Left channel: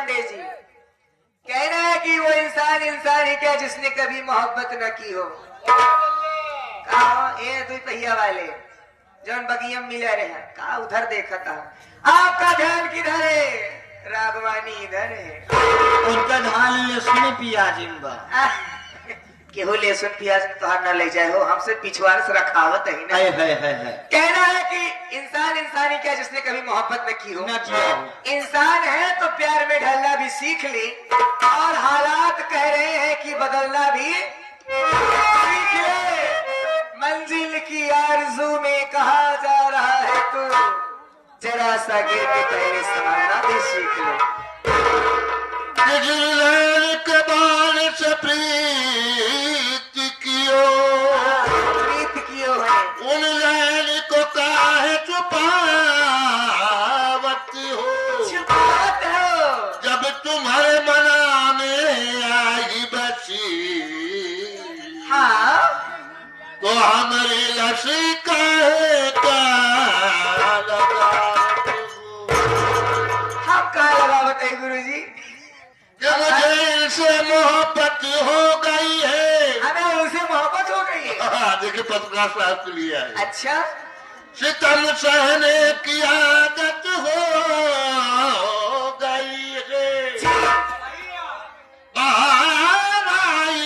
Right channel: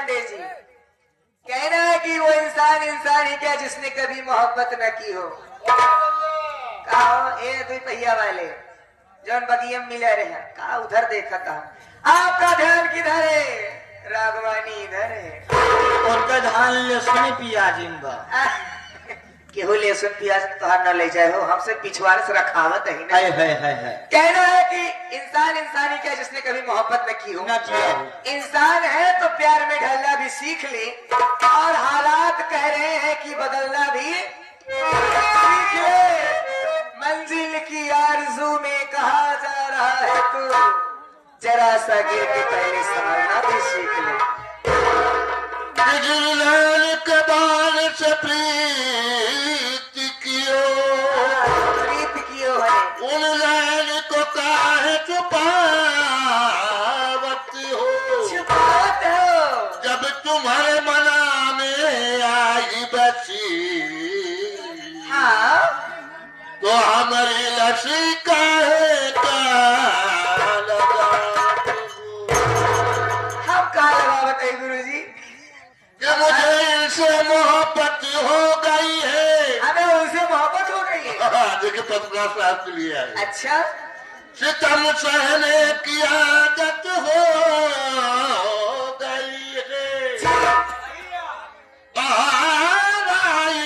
पांडे जी, कहना है कि वो इंसान इंसान ही क्या जिसने कभी मोहब्बत न की हो। कहा ए दुई पहिया वाले जौन बगियम मिले रहे कहा उधर देखा था, आपका ध्यान किधर है? रागवानी इधर है। उनका ध्यान लहसुन प्याज बा। केहू लहसुन प्याज तोहार न ले जाए हो, हमसे पिछवाड़े से रखावत है ना। है कहना है कि इंसान इंसान ही क्या जिसने कभी मोहब्बत न की हो। ना किया हो। इंसान है तो प्यार में ढलना भी सीख ले, और हालात कह रहे हैं कि बदलना भी सीख ले। मंजिल की आरज़ू में कहा जा रहा है तू, जरा सा गिर के पहले संभलना भी सीख ले। के बाल से प्रीत कियो है उन लैन को काहे छुपावत हो। छुपावत हो जब तुम्हारे मना में आई बसी, हाँ तो हमारे लसी काहे का लगावत हो। हम कहा लगावत है गुरु जी? कि मुझे इनसे मोहब्बत हो गई है। हमें उनसे मोहब्बत हो गई है। देखिए पत्रकार साहब के लिए आए। अच्छा सितम सहने की आदत हो गई है। बाहर आई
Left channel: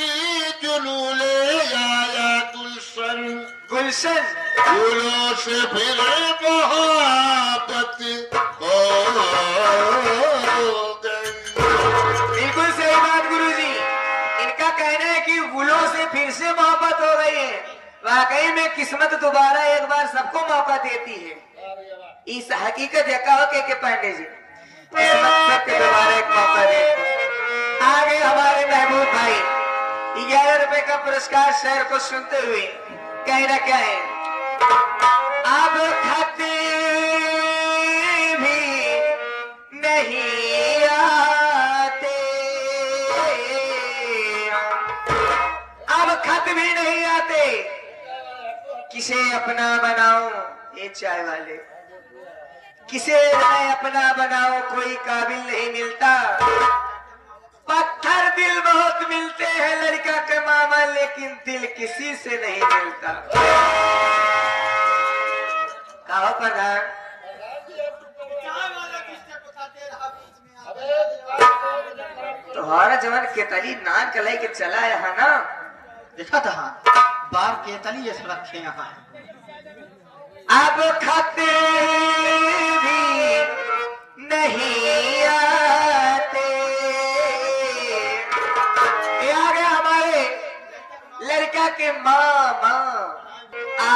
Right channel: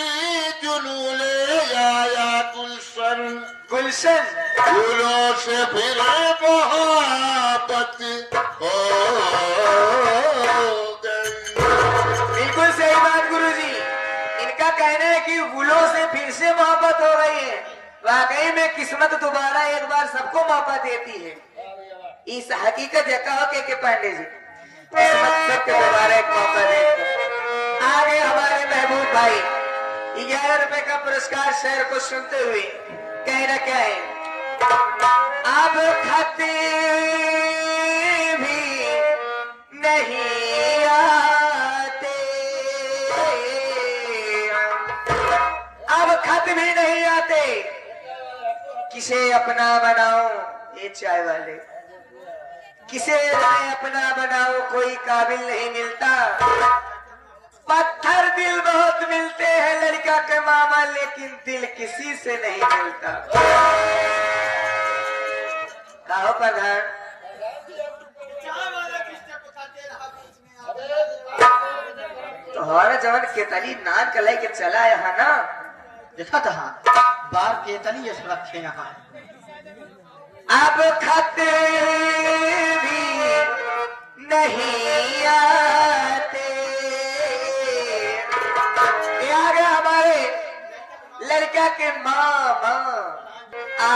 जुनूले आया गुलशन, गुलशन फूलों से फिर मोहब्बत हो गई। बिल्कुल सही बात गुरुजी। इनका कहना है कि गुलों से फिर से मोहब्बत हो गई है। वाकई में किस्मत दोबारा एक बार सबको मौका देती है। इस हकीकत देखा हो के पांडे जी, किस्मत सबको दोबारा एक मौका देती है। आगे हमारे महबूब भाई 11 रुपए का पुरस्कार शहर को सुनते हुए कहना क्या है? अब खाते भी नहीं आते, अब खत भी नहीं आते, किसे अपना बनाऊं ये चाय वाले, किसे मैं अपना बनाऊं कोई काबिल नहीं मिलता। पत्थर दिल बहुत मिलते हैं लड़का के मामा, लेकिन दिल किसी से नहीं मिलता। कहो प्रधान, तुम्हारा जवन केतली नान कलाई के चला यहाँ ना, देखा था बार के तली रखे यहाँ। अब खाते भी नहीं आते। ये आ गए हमारे लड़का के मामा, आ